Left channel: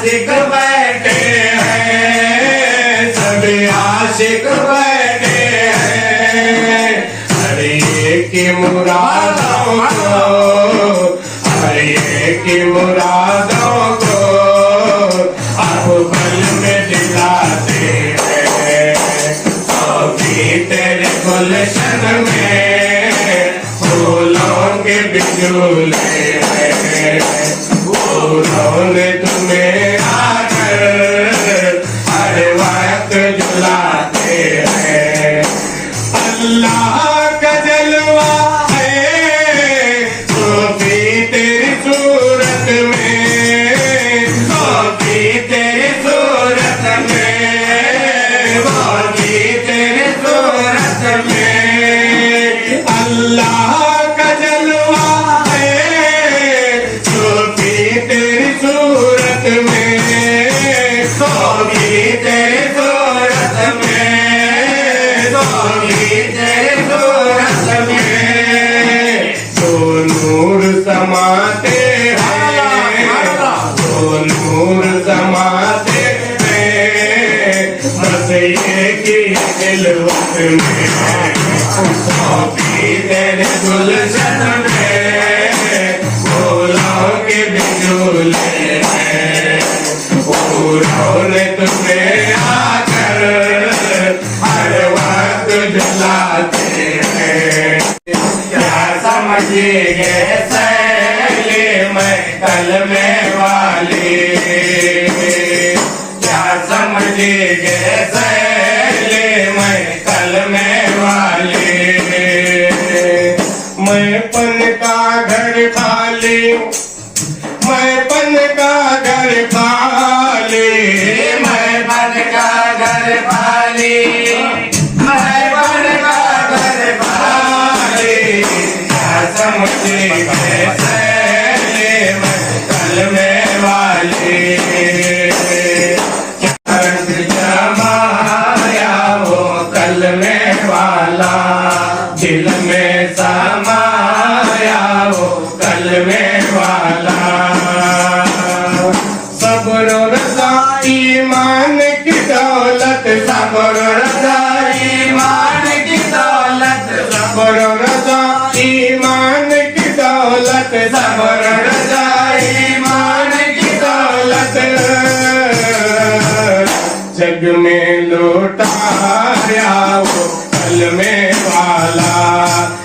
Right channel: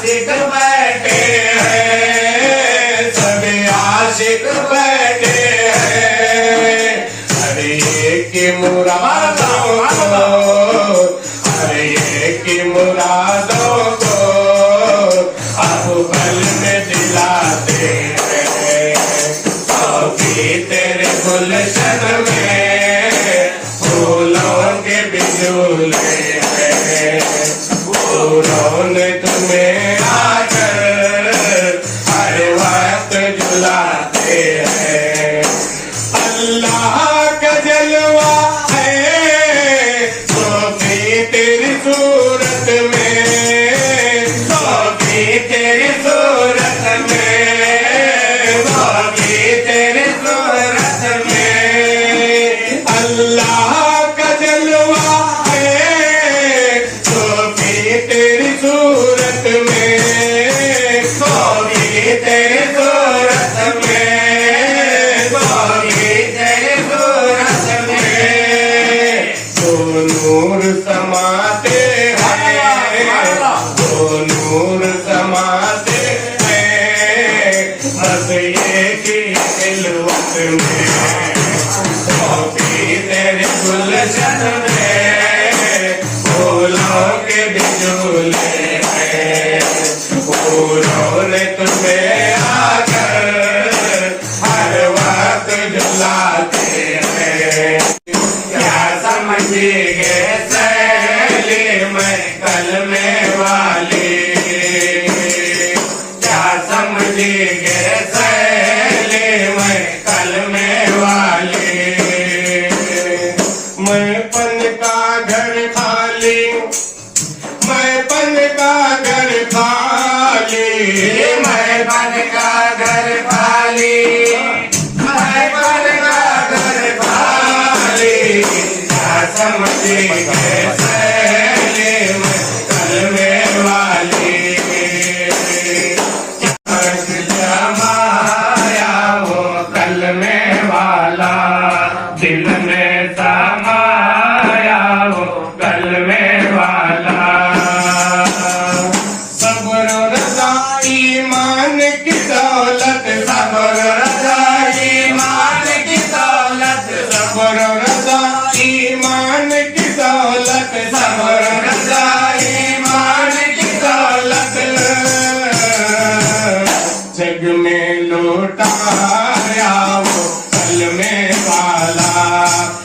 आशिक बैठे हैं, सभी आशिक बैठे हैं। हरे की मुरादों को, हरे की मुरादों को अब पल में दिलाते हैं। सौगी तेरे गुलशन में फूलों के बिजूले हैं। फूलों ने तुम्हें आकर हर वक्त जलाते हैं। अल्लाह का जलवा है सोफी तेरी सूरत में, सोफी तेरी सूरत में, सोफी तेरी सूरत में। अल्लाह का जलवा है सोफी तेरी सूरत में, सोफी तेरी सूरत में, सोफी तेरी सूरत में। दो नूर समाते हैं, दो नूर समाते हैं, बस एक ही खिलवत में। सोफी तेरे गुलशन में फूलों के बिजूले हैं। फूलों ने तुम्हें आकर हर वक्त जलाते हैं। क्या समझिए सैली मैं कलमे वाली, क्या समझिए सैली मैं कलमे वाली। मैं पन का घर खाली, मैं पन का घर खाली, मैं पन का घर खाली, मैं पन का घर खाली। क्या समझे सैली मैं कलमे वाली। रंग जमाया वो कलमे वाला, दिल में समाया वो कलमे वाला। सब्र रज़ा ईमान की दौलत, सब्र रज़ा ईमान की दौलत, सब्र रज़ा ईमान की दौलत, सब्र रज़ा ईमान की दौलत। जग में लौटाया वो कलमे वाला,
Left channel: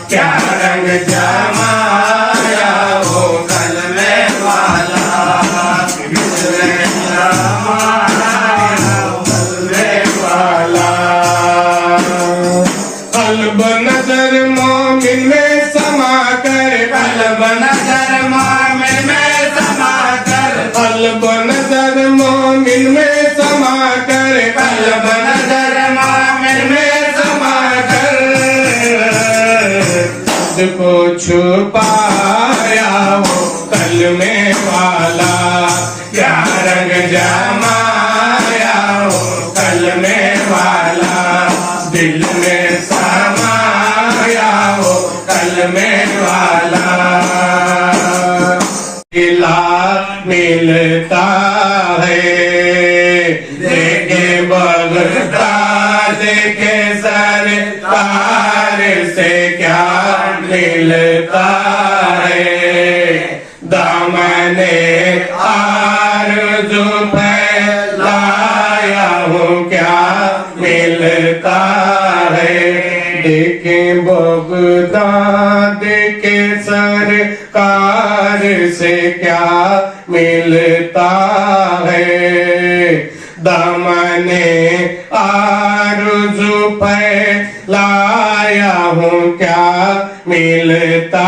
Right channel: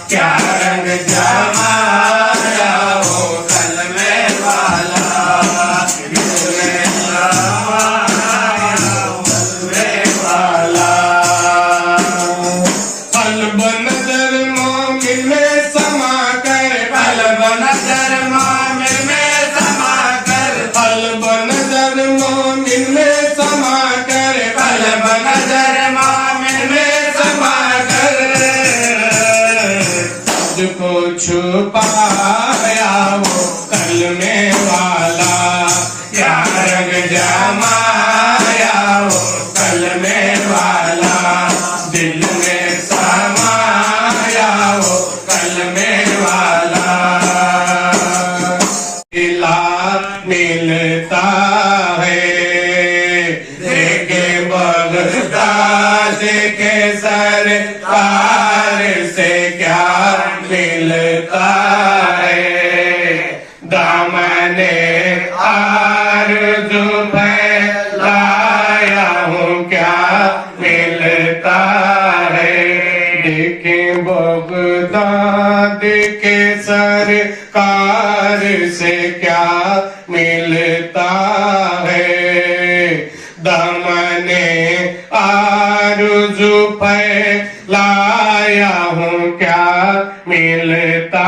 क्या रंग जमाया वो कलमे वाला। दिल में समाया वो कलमे वाला। कल्ब नजर मोमिन में समा कर, कल्ब नजर मोमिन में समा कर, कल्ब नजर मोमिन में समा कर, कल्ब नजर मोमिन में समा कर। खुद को छुपाया वो कलमे वाला, क्या रंग जमाया वो कलमे वाला। दिल में समाया वो कलमे वाला। मिला मिलता है देखे बगदाद के सरकार से क्या मिलता है। दामने आरज़ू फैलाया हूँ क्या मिलता है। देखें बगदाद के सरकार से क्या मिलता है। दामने आरज़ू फैलाया हूँ क्या मिलता